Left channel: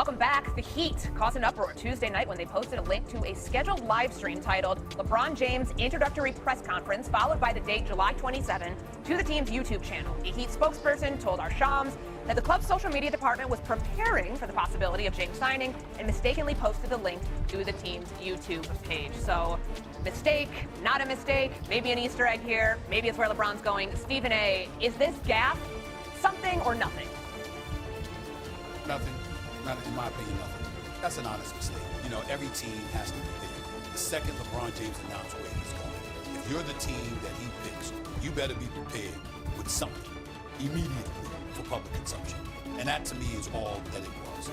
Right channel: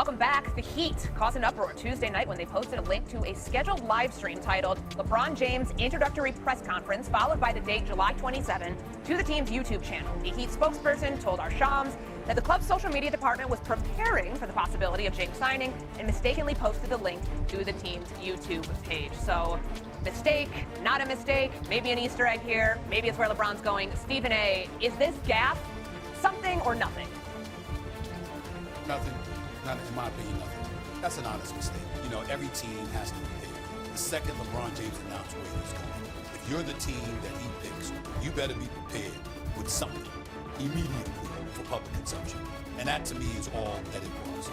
Welcome back. The Heat caused an uproar Tuesday night when they posted a link to a scheduled live stream titled LeBron James Introductory Press Conference, followed by the date July 27 to the team's YouTube channel. A Heat spokesperson told our Shams that the club's social media department was preparing for the possibility of James signing and mistakenly posted the link to the team's YouTube page. So, mistake, not a mistake, maybe an Easter egg here, maybe it's where LeBron's going. Stephen A., is this gaffe something or nothing? Nothing. Not, in my opinion, nothing. That's an honest mistake. You know, every team has to prepare. The second LeBron James announced where he's going, if you're the team that he picks, you better be prepared with something immediately for public consumption. And that, to me, is all that it was.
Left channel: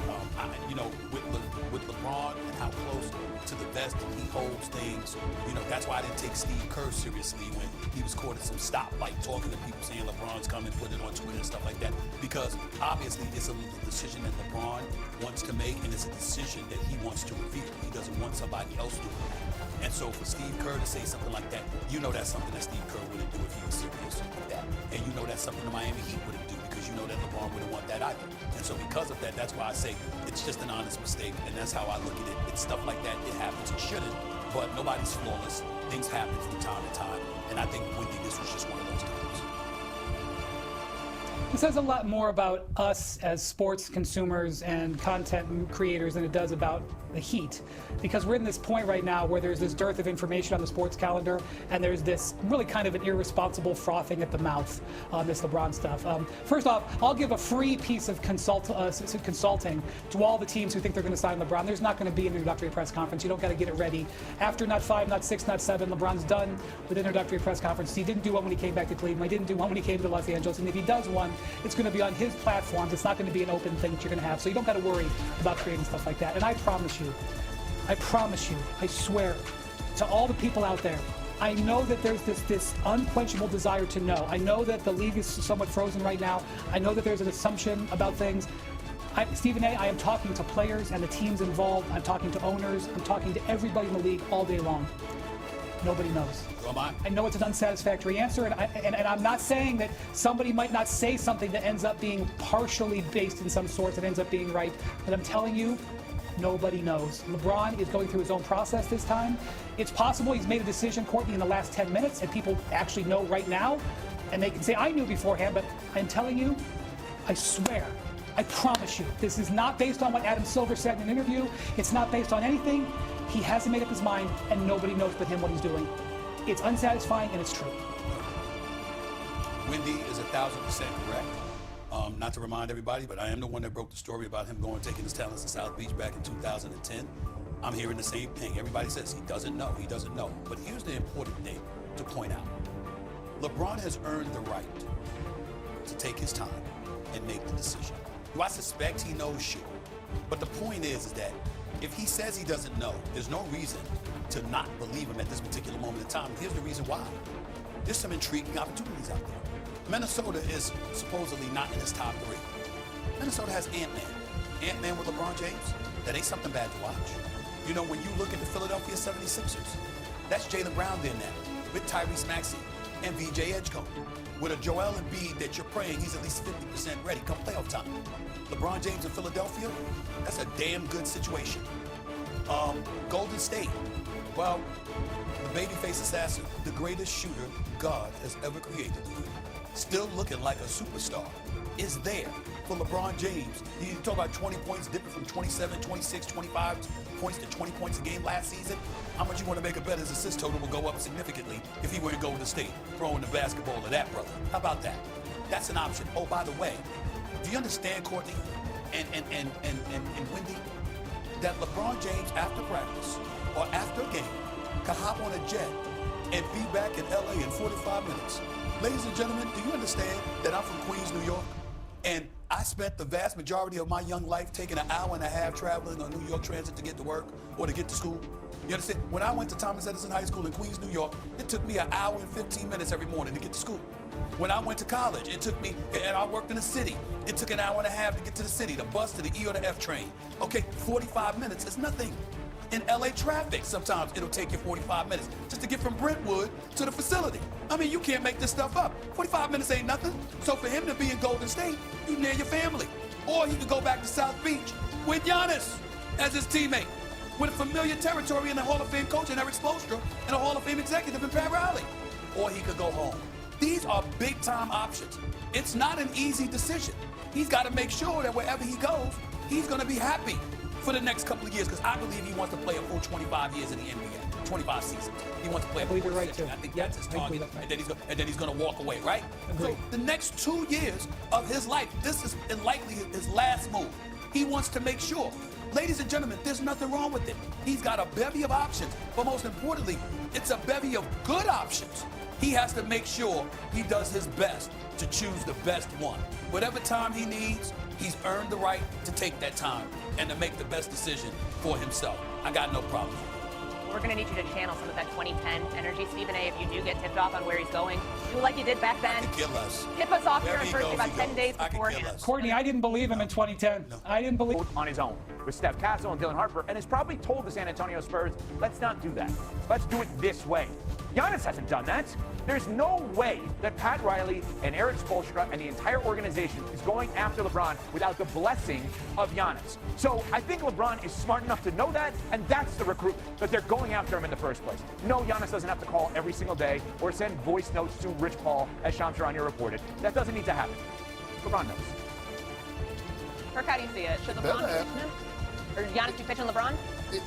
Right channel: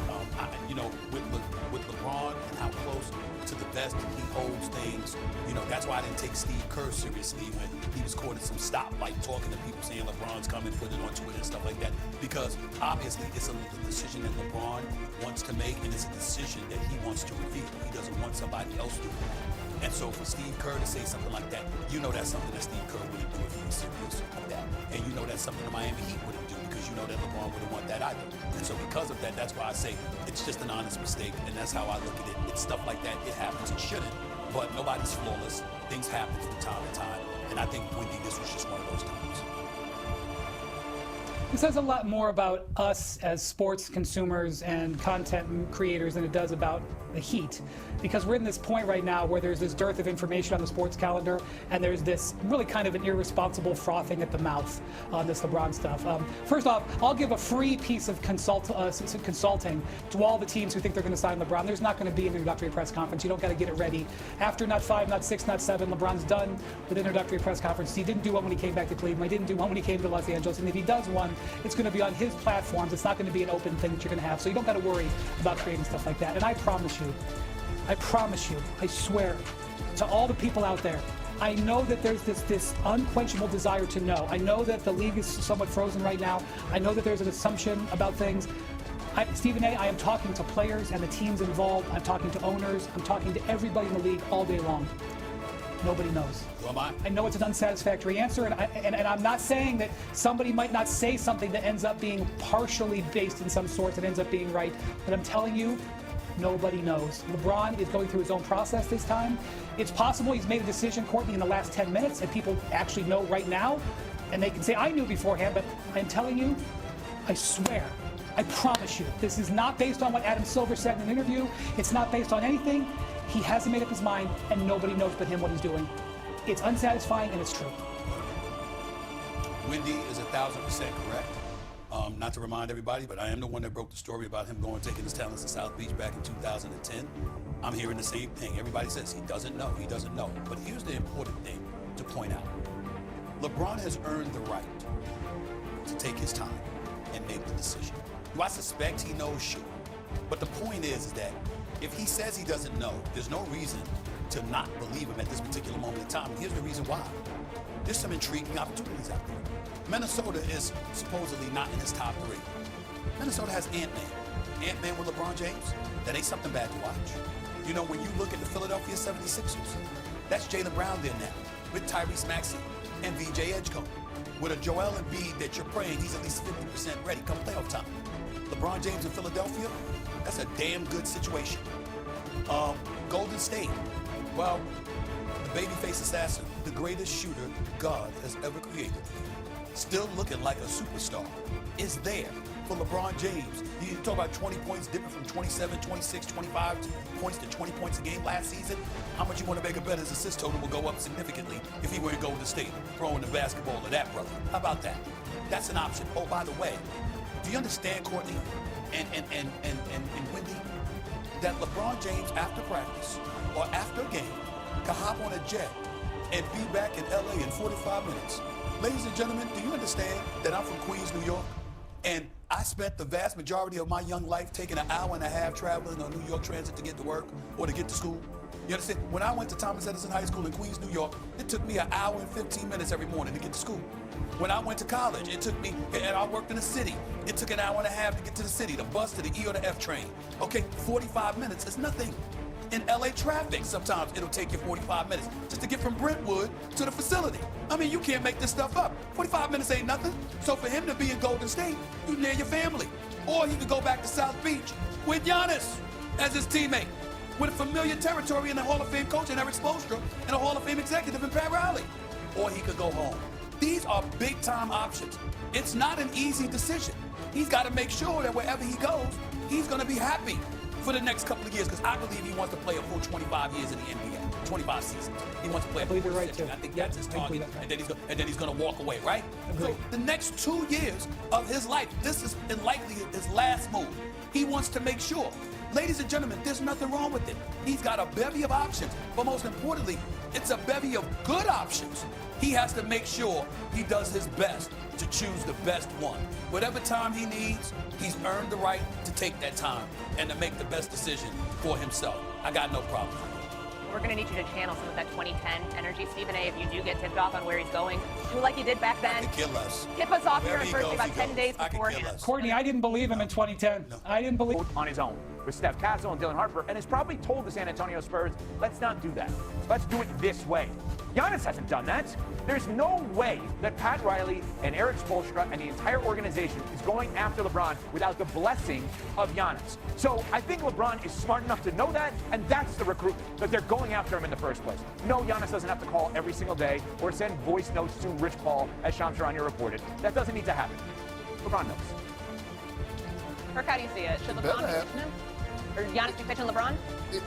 You know, with LeBron and how close to the vest he holds things, you know, that's why I didn't take Steve Kerr seriously when he was caught at some stoplight talking to people saying LeBron's coming, put it on Twitter and stuff like that. Because obviously it's a decision that LeBron wants to make, and it's a decision that he wants to reveal. He doesn't want somebody else doing that. And so for Steve Kerr to say something like that, you know that's something that Steve Kerr wouldn't do if he was serious like that. And you know that's something the Miami Heat wouldn't do, because you know that LeBron wouldn't want that either. And so because of that, that's why I say it's just an honest mistake, and that's how I look at it. It's stuff like that. It happens. It shouldn't, but nobody's flawless. Things happen from time to time, and I think, Wendy, this was just one of those times. It says a lot more about us as sports consumers and content creators than it does about the Heat, because we're in this point right now where there's this dearth of information on the sports calendar, and there's this really kind of an irresponsible frothing at the mouth on this LeBron stuff. First off, I'll give a free piece of consulting to all the teams who think they're going to sign LeBron. There's not going to be an introductory press conference. You don't got to get it ready. After not 5, not 6, not 7, LeBron's done with introductory press conference. He didn't do one when he came back to Cleveland. He didn't do one when he came to Los Angeles. And if he does one, it's going to be on his platforms. It's not going to be an open thing that you're going to have. So you don't got to worry about creating stuff like that. And I promise you, I swear to all the people out there, I know that there's this unquenchable desire to know. I know that the league is somewhat frozen right now. I know that there's an assumption about things. Stephen A., I am talking to players and the teams involved. I'm talking to owners. I'm talking to everybody in the league all day long. Nobody knows. So am I. I know it's an unsatisfactory answer, and I'm not saying that somebody might not say something that ends up being partially based in some sorts and ends up being right, but I'm telling you, nobody knows. LeBron is going through his own process this time. It's possible he's made a decision, Courtney, in the last 10 minutes, and people actually know right now, and they can say, I knew beforehand, but I'm telling you, I swear, I promise you, this is not based on what Adam Silver said in an interview. It's not based on anything. He hasn't made up his mind, and nobody knows but him what he's doing. It's unsatisfying, and it's true. Wendy is 1,000% correct. Not to remind everybody, but I am the one that broke the story about him going taking his talents to South Beach back in 2010. I'm hearing the same thing. Everybody says he doesn't know, he doesn't know. But here's the important thing to point out. LeBron has earned the right to take his time and make the decision. Do I suspect he knows? Sure. But the point is that if he says he doesn't know, there's no reason to not believe him at this particular moment in time. And here's the reason why. There's some intriguing opportunities out there. Minnesota is supposedly not in his top 3. Minnesota has Ant-Man. Ant-Man with LeBron James, that ain't something bad to watch. You know, when you look at the Philadelphia 76ers, that's Jaylen Brown there now, with Tyrese Maxey and VJ Edgecombe, with a Joel Embiid that you're praying he's at least 50% ready come playoff time. LeBron James in Philadelphia, that's a damn good situation. Golden State, well, the babyface assassin, the greatest shooter God has ever created, still looking like a superstar, is there for LeBron James. You talk about 20 points dipping from 27, 26, 25 points to 20 points a game last season. How much you want to make a bet his assist total will go up significantly if he were in Golden State throwing the basketball to that brother? How about that? That's an option. Oh, by the way, do you understand, Courtney and Wendy, that LeBron James after practice or after a game can hop on a jet and be back in LA in 45 minutes? Ladies and gentlemen, do you understand that I'm from Queens, New York, and I spent the vast majority of my young life taking an hour and a half traveling on New York Transit to get to work or to get to school? You understand? When I went to Thomas Edison High School in Queens, New York, it took me an hour and 15 minutes every morning to get to school. When I went to college, it took me, and I worked in the city, it took an hour and a half to get to the city, the bus to the E or the F train. Okay, 45 minutes is nothing. In LA traffic, sometimes it'll take you 45 minutes just to get from Brentwood to the facility. I mean, you can't make this stuff up. 45 minutes ain't nothing. So for him to be in Golden State, you near your family. Or he could go back to South Beach with Giannis as his teammate, with a familiar territory and a Hall of Fame coach in Eric Spoelstra and a Hall of Fame executive in Pat Riley. Or he could go home. These are big-time options. It's not an easy decision. He's got to make sure that wherever he goes, he's going to be happy for the next couple of years, because I believe he wants to play a full 25 years in the NBA, 25 seasons. He wants to play a full right century. too. I think Yep, that's his I agree, target, that's right. and then he's going to walk away, right? Agreed. So the next 2 years of his life, this is likely his last move. He wants to make sure. Ladies and gentlemen, there's nothing wrong with it. He's got a bevy of options, but most importantly, it's a bevy of good options. He has to make sure he does his best to choose the best one. Whatever time he needs, he's earned the right to take that time and to make the best decision for himself. I got no problem with it. We're going to need you to channel some of that 2010 energy, Stephen A. If you do get tipped off on where he's going, do like you did back then. I could care less. Tip us off Wherever here he first goes, about he 10 goes. days I could care beforehand. less. Courtney, I didn't believe him in 2010. No. I didn't believe. On his own with Steph Castle and Dylan Harper, and has probably told the San Antonio Spurs, let's not do that. Let's do it this way. Giannis hasn't done that. There's no way that Pat Riley and Eric Spoelstra and the entire organization is going after LeBron without the blessing of Giannis. So I think LeBron is smart enough to know that, and that's the recruitment, that they're going after him in the first place. No, Giannis doesn't have to call every single day or send voice notes to Rich Paul, as Shams Charania reported. That doesn't need to happen. LeBron knows. Kirk, how do you see it? Should better LeBron be happen. pitching him? Or Giannis be pitching LeBron?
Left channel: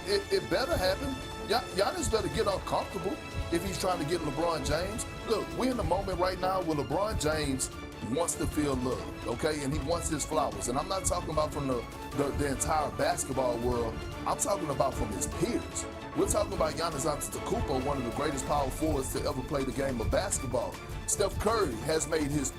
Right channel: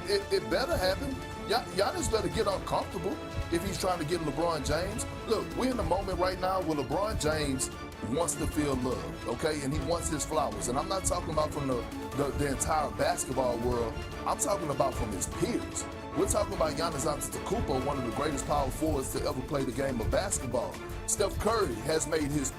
It better happen. Giannis better get uncomfortable if he's trying to get LeBron James. Look, we're in the moment right now where LeBron James wants to feel love, okay? And he wants his flowers. And I'm not talking about from the entire basketball world. I'm talking about from his peers. We're talking about Giannis Antetokounmpo, one of the greatest power forwards to ever play the game of basketball. Steph Curry has made his